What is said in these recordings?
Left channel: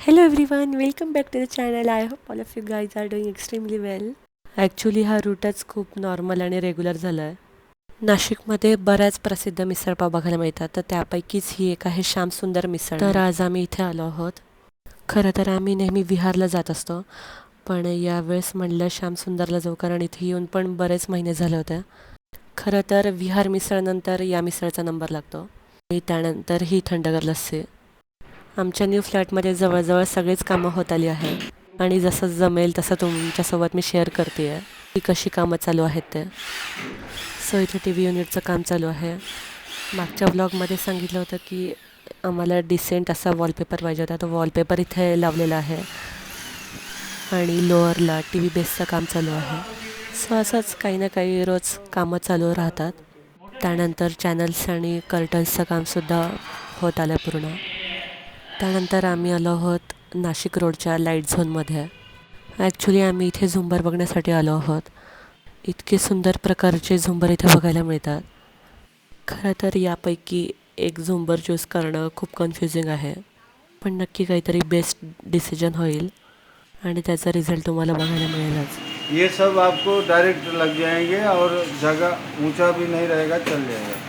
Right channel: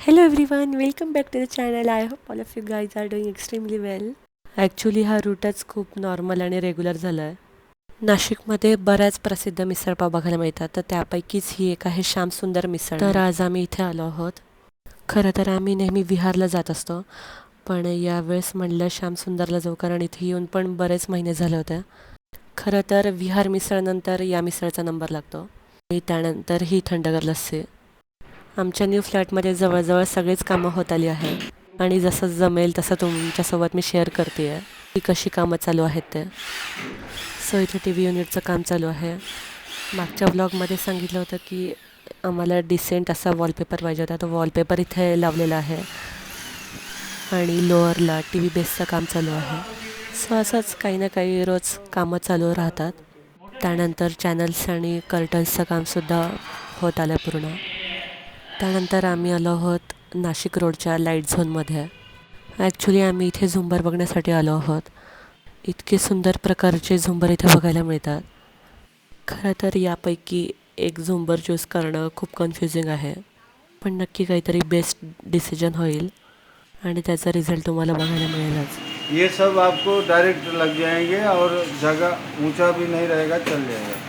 Hello everyone, welcome back to the channel. I hope all of you guys are doing extremely well. Actually हा रूटच खूप normal आणि regular झाला आहे. नाशिकमध्ये बऱ्याच प्रसिद्ध मिसळपाव बघायला मिळतात, तर त्यापैकीच ही एक आहे श्यामसुंदर मिसळ. तर आज आम्ही इथे आलो आहोत. खरं तर आम्ही नेहमी विहारला जात असतो, पण यावेळेस म्हणलं श्यामसुंदरला जाऊ, कारण इथे येऊन पण बरेच महिने झाले होते. खरं तर विहार मिसळनंतर या मिसळचा नंबर लागतो आणि त्यानंतर ही थंडगार लस्सी. आमच्या न्यू फ्लॅटमध्ये जवळजवळ सगळीच कामं होत आली आहेत आणि जसं जमेल तसं तुमच्यासोबत मी शेअर करते आहे की कशी कामं चालू आहेत ते. सो इथे टी व्ही युनिटचं काम चालू आहे. मागच्या व्लॉगमध्ये सांगितलं होतं की आम्हाला डिसेंट असा वॉलपेपर पाहिजे होता, तो वॉलपेपर इथे लावलेला आहे आणि लोअरला टी व्ही बेसचं काम चालू आहे. सो असंच काही ना काही रोज कामं चालू राहतात. त्यानंतर चॅनल्स आणि कर्टन्सचं कामसुद्धा होत आलं पूर्ण. त्यानंतर आम्ही आलो आहोत नाशिक रोडच्या लाईट झोनमध्ये. ॲक्च्युली आम्ही इथे झुंबर बघण्यासाठी आलो आहोत. इतके सुंदर प्रकारचे झुंबर इथे बघायला मिळतात. खरं तर यापैकी एक झुंबर चूज करणं खूप कन्फ्युजिंग आहे, पण नक्की काहीतरी बेस्ट डिसिजन होईल आणि त्याचा रिझल्ट तुम्हाला बघायला मिळेलच. ये सब आपको डायरेक्ट लग जाएंगे और जगह ऊंचा भी नहीं रहेगा, चल जाएगा.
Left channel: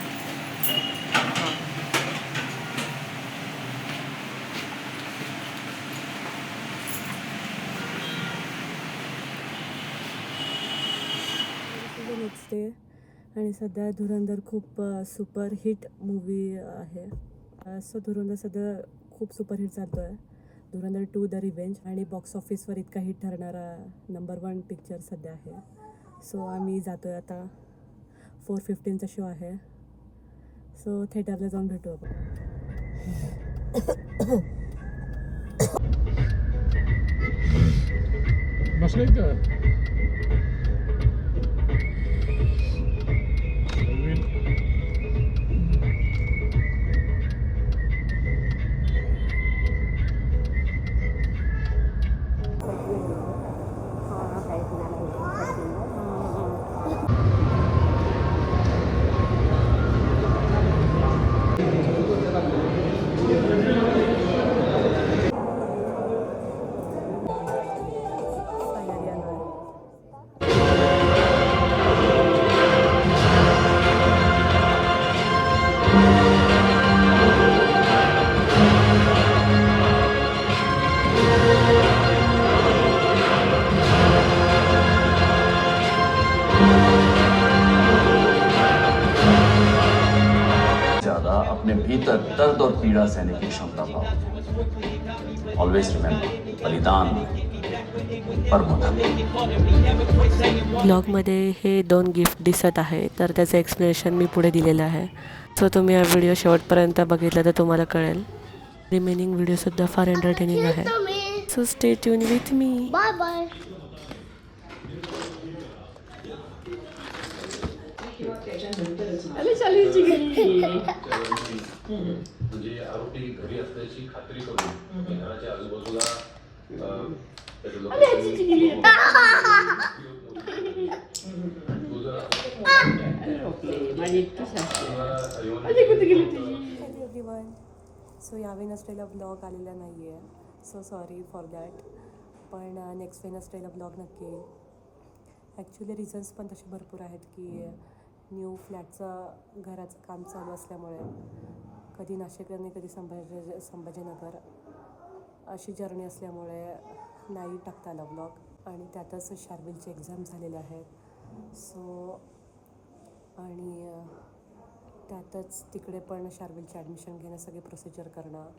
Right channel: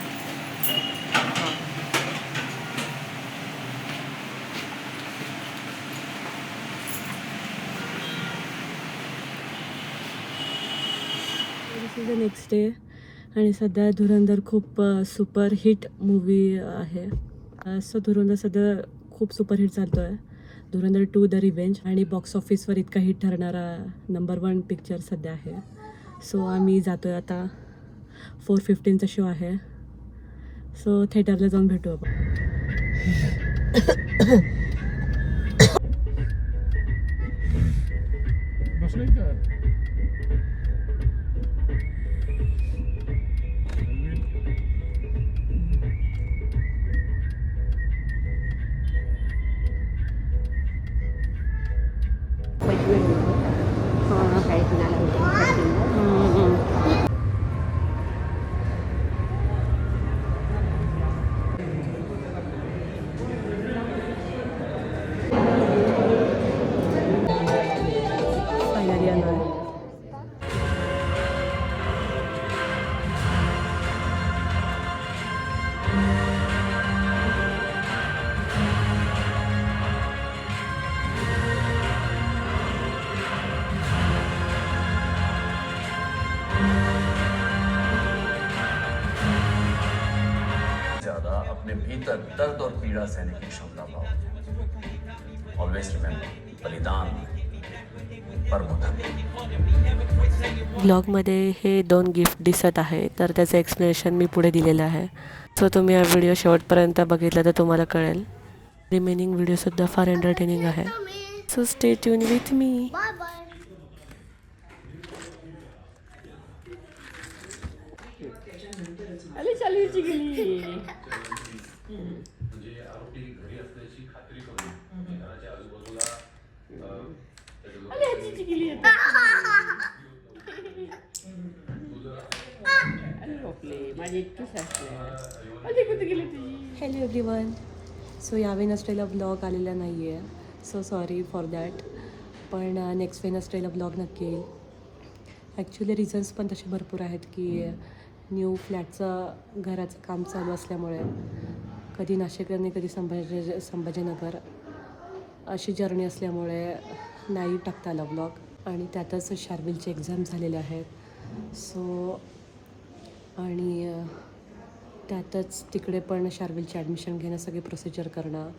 नेक्स्ट डे आणि सध्या धुरंधर खूप सुपरहिट मूवी आहे. सो धुरंधर सध्या खूप सुपरहिट चालतो आहे. धुरंधर 2 द रिव्हेंज आणि बॉक्स ऑफिसवर इतका हिट ठरणारा नंबर 1 पिक्चर सध्या आहे. सो आम्ही जातो आहे आता. 4:15चा शो आहे. सो थिएटरला जाऊन भेटू आपण. फायनली आलो आहे. ज्यादा अपने भीतर दर्द और पीड़ा सहने की क्षमता पाओ. ऑलवेज रिमेंबर, बलिदान परमो धर्म. ब्लॉगमध्ये हे 2 गिफ्ट दिसत आहे, तर त्याचं एक्सप्लेनेशन मी पुढे दिलेलं आहे. सो तुम्ही हा व्हिडिओ शेवटपर्यंत बघितला तर तुम्हाला कळेल. रिमेनिंग व्हिडिओसुद्धा फार एंटरटेनिंग आहे. So stay tune with me. Bye bye. म्हणजे आरोपी घरी असल्याची खात्री करून घराच्या आजूबाजूला त्याचं लोकेशन हॅलो एव्हरीवन. सो या वेनसडेला व्लॉग आलेला नाही आहे. So sorry for that. पण नेक्स्ट वेनसडेला व्लॉग नक्की येईल. ॲक्च्युली रिझन्स पण तसे भरपूर आहेत की न्यू फ्लॅटचं घराचं काम चालू असल्यामुळे कधी नाशिक आणि कधी संभाजीनगर अशी जर्नी असल्यामुळे नाही टाकता आला व्लॉग. आणि त्यातच शार्विलचे एक्झाम झालेले आहेत. सो आणि त्यातच तिकडे पण शार्विलची ॲडमिशन घेणं, सगळी प्रोसिजर करणं.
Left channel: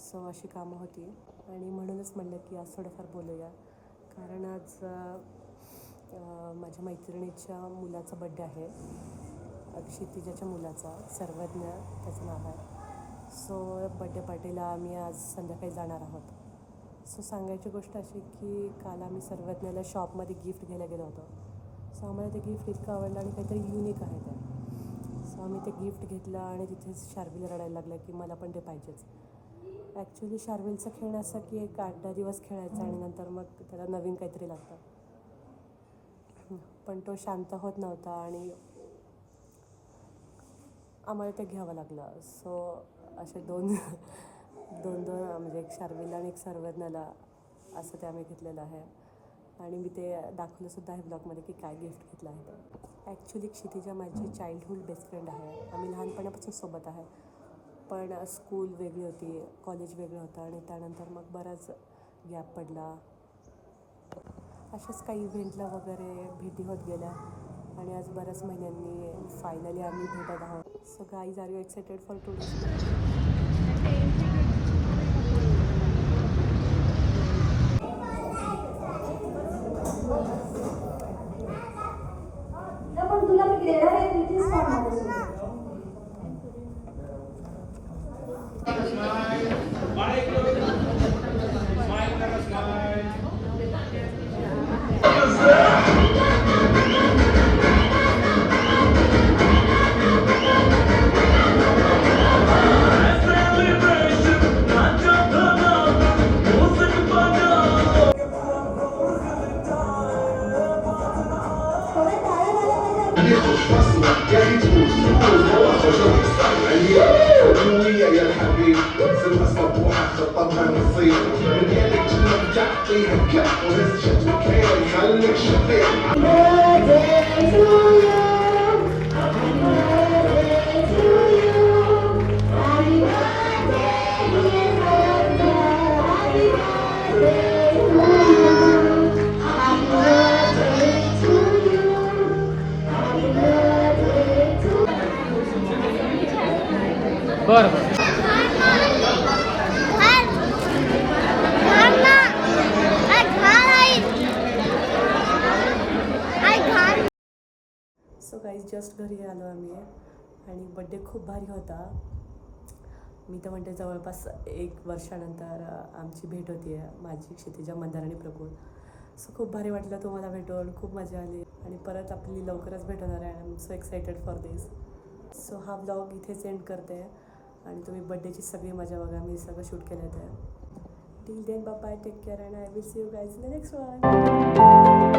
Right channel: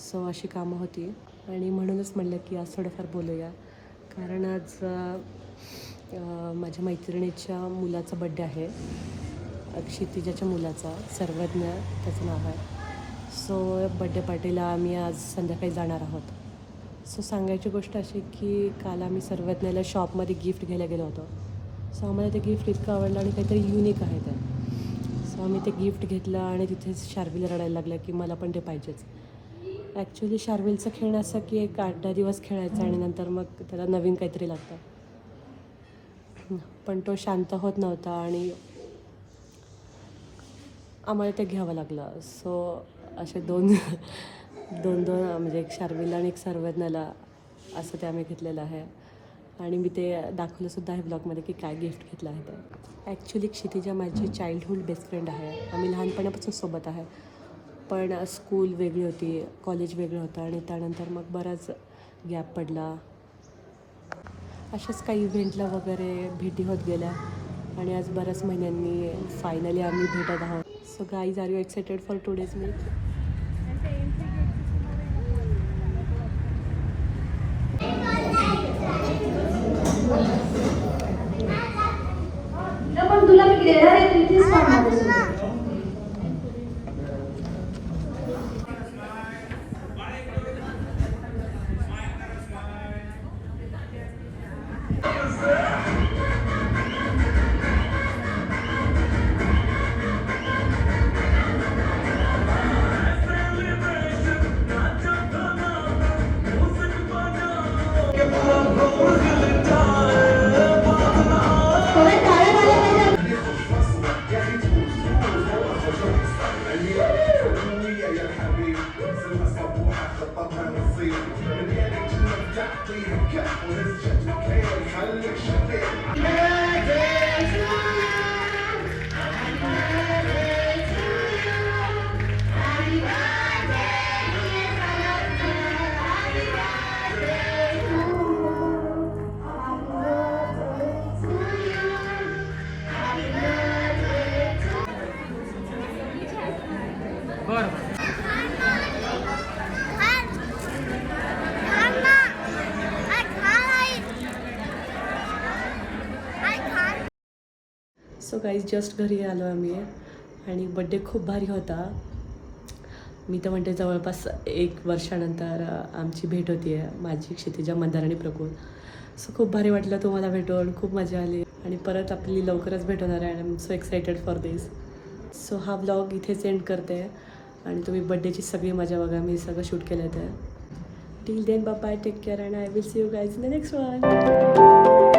सो अशी कामं होती आणि म्हणूनच म्हणलं की आज थोडंफार बोलूया. कारण आज माझ्या मैत्रिणीच्या मुलाचा बड्डे आहे. क्षितिजाच्या मुलाचा, सर्वज्ञ त्याचं नाव आहे. सो बड्डे पार्टीला आम्ही आज संध्याकाळी जाणार आहोत. सो सांगायची गोष्ट अशी की काल आम्ही सर्वज्ञला शॉपमध्ये गिफ्ट घ्यायला गेलो होतो. सो आम्हाला ते गिफ्ट इतकं आवडलं आणि काहीतरी युनिक आहे ते. सो आम्ही ते गिफ्ट घेतलं आणि तिथेच शार्विल रडायला लागलं की मला पण ते पाहिजेच. ॲक्च्युली शार्विलचं खेळणं असं की एक 8-10 दिवस खेळायचं आणि नंतर मग त्याला नवीन काहीतरी लागतं. पण तो शांत होत नव्हता आणि आम्हाला ते घ्यावं लागलं. सो असे दोन 2 म्हणजे एक शार्विला आणि एक सर्वज्ञाला असं ते आम्ही घेतलेलं आहे. आणि मी ते दाखवलंसुद्धा आहे ब्लॉगमध्ये की काय गिफ्ट घेतलं आहे ते. ॲक्च्युली क्षितिजा माझी चाइल्डहूड बेस्ट फ्रेंड आहे. आम्ही लहानपणापासून सोबत आहे. पण स्कूल वेगळी होती, कॉलेज वेगळं होतं आणि त्यानंतर मग बराच गॅप पडला. अशाच काही इव्हेंटला वगैरे भेटी होत गेल्या आणि आज बऱ्याच महिन्यांनी फायनली आम्ही भेटत आहोत. So guys, are you excited for today's meet? पण तुला मी देणार आहे तुझीच मागणार आहे. يا الحبيب سلمى صبوحة خطبها نصيب رجالك كلها بتعطيها كف ونسجة وكيل خليك شقيق. सो गाईज, जस्ट घरी आलो आम्ही आणि बड्डे खूप भारी होता. मी तर म्हणते जवळपास 1 वर्षानंतर आमची भेट होती आहे, माझी, क्षितिजा, मंदार आणि प्रकुल. सो खूप भारी वाटलं तुम्हाला भेटून, खूप मजा आली आणि परत आपली लवकरच भेट होणार आहे. I am so excited for this. So हा व्लॉग इथेच एंड करते आणि तुम्ही बड्डेची सगळी मजा बघा. मी सगळं शूट केलं आहे. Till then bye, take care and I will see you guys in the next one.